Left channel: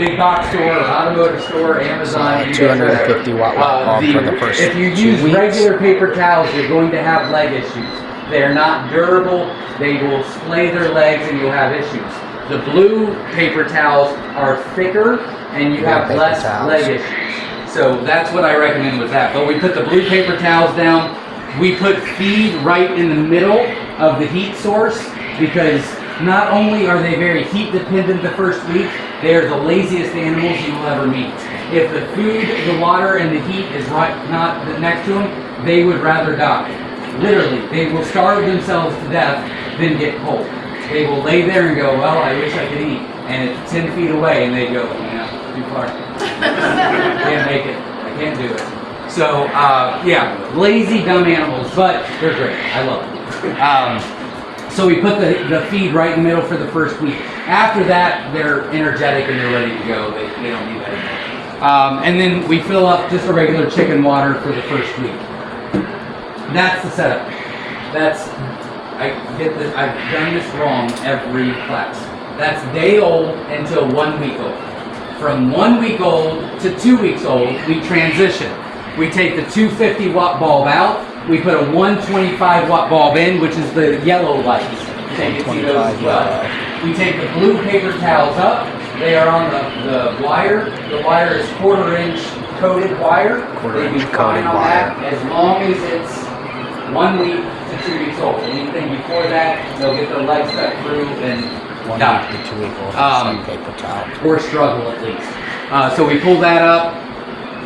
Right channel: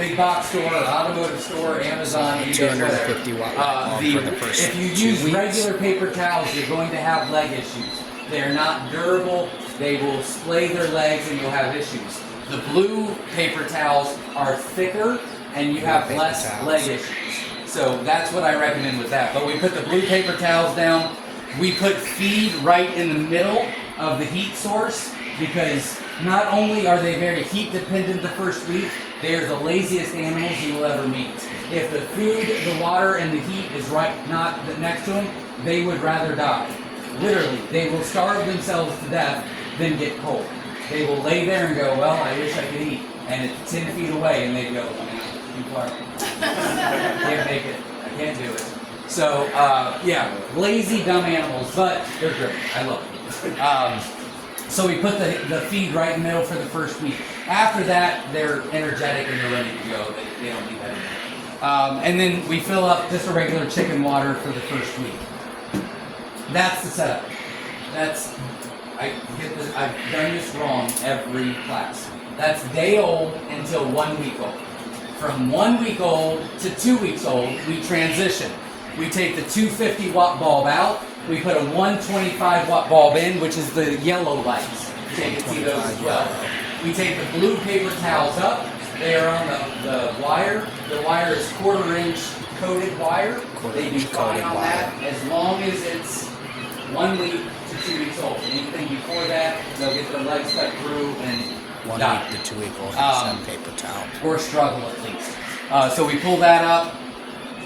big box store, or automotive store, Amazon, 250 watt bulb for the first if you 2 use weeks. regular paper towels, you're going to have leg issues. They're not durable. They will splay their legs and you'll have issues. The blue paper towels are thicker and you have less leg issues. So that's what I recommend with that. But we put the blue paper towels down. We put feed right in the middle of the heat source because not only are they very heat dependent the first week, they are the laziest animals you will ever meet. If the food, the water, and the heat is not next to them, they would rather die. Literally, they will starve themselves to death than get cold. They will lay there and go, well, I wish I could eat. And it's 10 feet away, and they go, yeah, too far. Can't make it. I can't do it. So, yeah, lazy, dumb animals, but they're great. I love them. So we put the feed right in the middle for the first week. After that, they're energetic and they're ready to go. They don't need that anymore. And then we fill up just a regular chicken water for the first week. That's the setup. I've done this wrong every class. That's day old until 1 week old. From 1 week old to 2 weeks old, we transition. We take the 250 watt bulb out. We put a 125 watt bulb in, which is the yellow lights. So you can see those as well. We take the blue paper towels up. They are on the wire. The wire is 1/4 inch coated wire. They do fine on that as long as it's 1 week to 2 weeks old. Anything before that, they'll get their legs cut through and 1 die. week to 2 week old, paper towel. Or struggle at least. So we pull that up,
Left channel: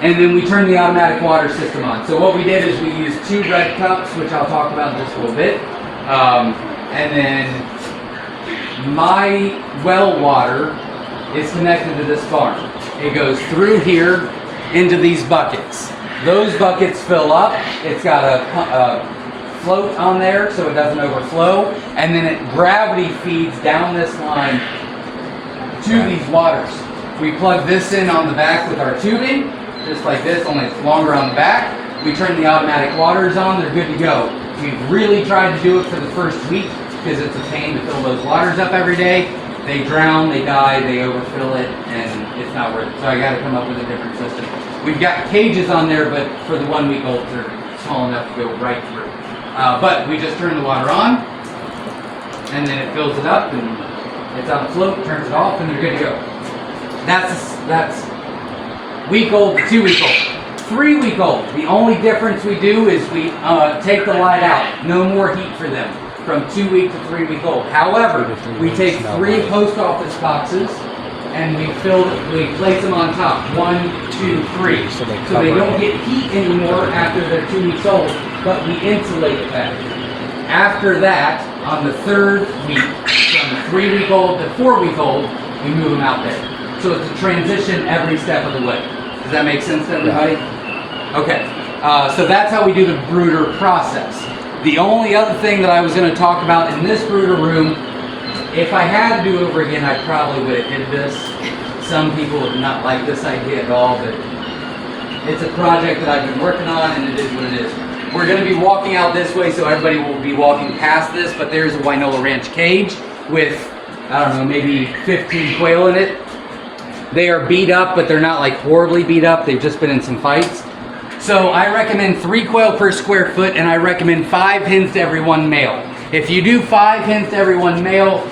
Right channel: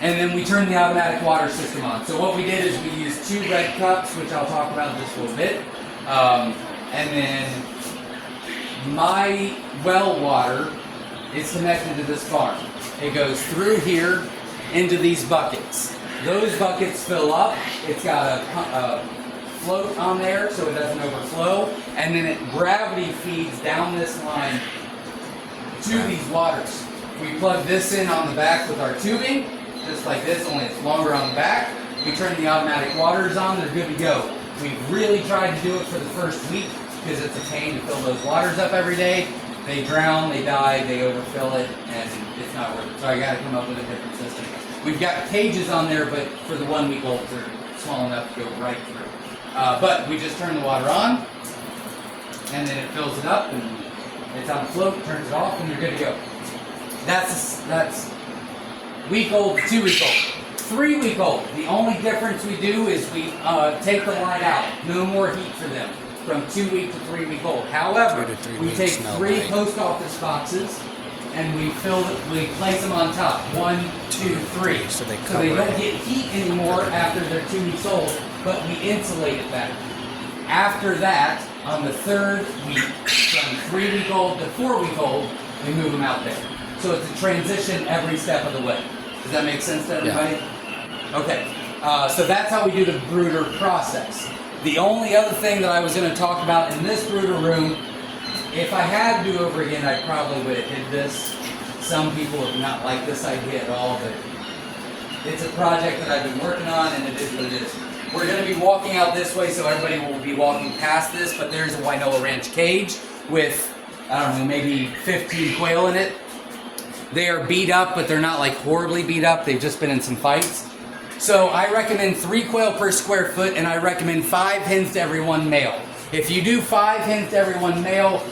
and then we turn the automatic water system on. So what we did is we used 2 red cups, which I'll talk about in just a little bit. And then my well water is connected to this farm. It goes through here into these buckets. Those buckets fill up. It's got a float on there so it doesn't overflow, and then it gravity feeds down this line to these waters. We plug this in on the back with our tubing, just like this, only it's longer on the back. We turn the automatic waters on, they're good to go. We've really tried to do it for the first week because it's a pain to fill those waters up every day. They drown, they die, they overfill it, and it's not worth it. So I got to come up with a different system. We've got cages on there, but for the 1 week olds, they're small enough to go right through. But we just turn the water on, and then it fills it up, and it's on a float, turns it off, and they're good to go. That's week old to 2 week old. 3 week old, the only difference we do is we take the light out. No more heat for them from 2 week to 3 week old. However, we take 3 post office boxes and we place them on top. 1, 2, 3. So they don't get heat anymore after they're 2 weeks old, but we insulate it better. After that, on the 3rd week, from 3 week old to 4 week old, we move them out there. So it's a transition every step of the way. Does that make sense to everybody? Okay. So that's how we do the brooder process. The only other thing that I was going to talk about in this brooder room, if I had to do over again, I probably would have did this. Some people have not liked this idea at all, but it's a project that I've been working on, and it is what it is. We're going to be walking out this way, so everybody will be walking past this, but there's a Wynola Ranch cage with, I don't know, maybe 15 quail in it. They are beat up, but they're not like horribly beat up. They've just been in some fights. So I recommend 3 quail per square foot, and I recommend 5 hens to every 1 male. If you do 5 hens to every 1 male,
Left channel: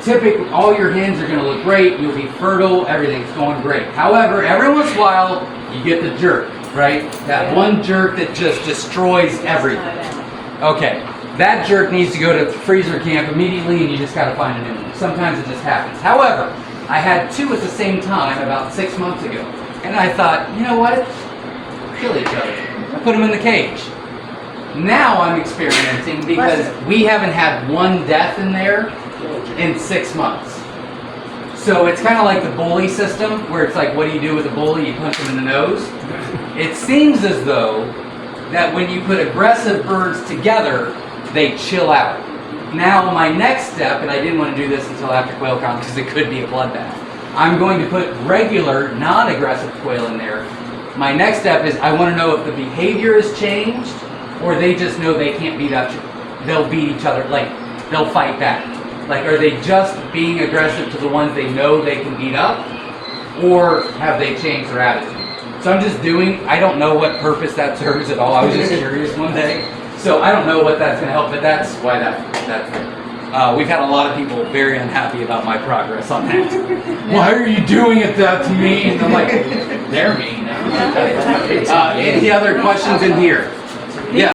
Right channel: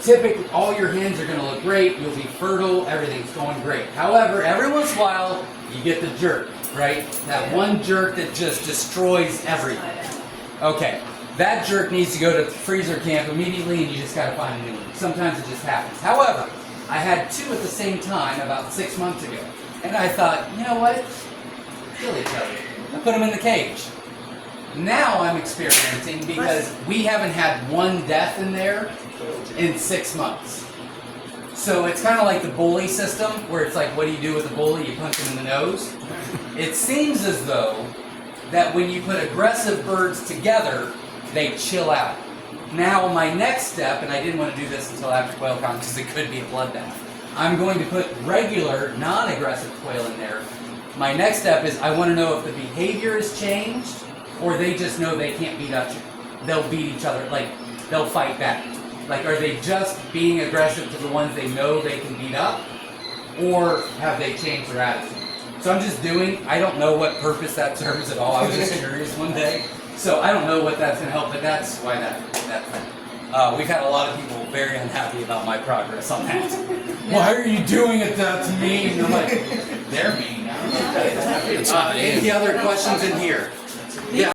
typically all your hens are going to look great. You'll be fertile. Everything's going great. However, every once in a while, you get the jerk, right? That one jerk that just destroys everything. Okay, that jerk needs to go to freezer camp immediately, and you just got to find a new one. Sometimes it just happens. However, I had 2 at the same time about 6 months ago, and I thought, you know what? Kill each other. I put them in the cage. Now I'm experimenting because we haven't had 1 death in there in 6 months. So it's kind of like the bully system, where it's like, what do you do with a bully? You punch him in the nose. It seems as though that when you put aggressive birds together, they chill out. Now my next step, and I didn't want to do this until after QuailCon because it could be a bloodbath, I'm going to put regular, non-aggressive quail in there. My next step is I want to know if the behavior has changed, or they just know they can't beat up. They'll beat each other, like they'll fight back. Like, are they just being aggressive to the ones they know they can beat up, or have they changed their attitude? So I'm just I don't know what purpose that serves at all. I was just curious one day. So I don't know what that's going to help, but that's why that's there. We've had a lot of people very unhappy about my progress on that. Why are you doing that to me? And I'm like, they're mean. Any other questions in here? Yeah.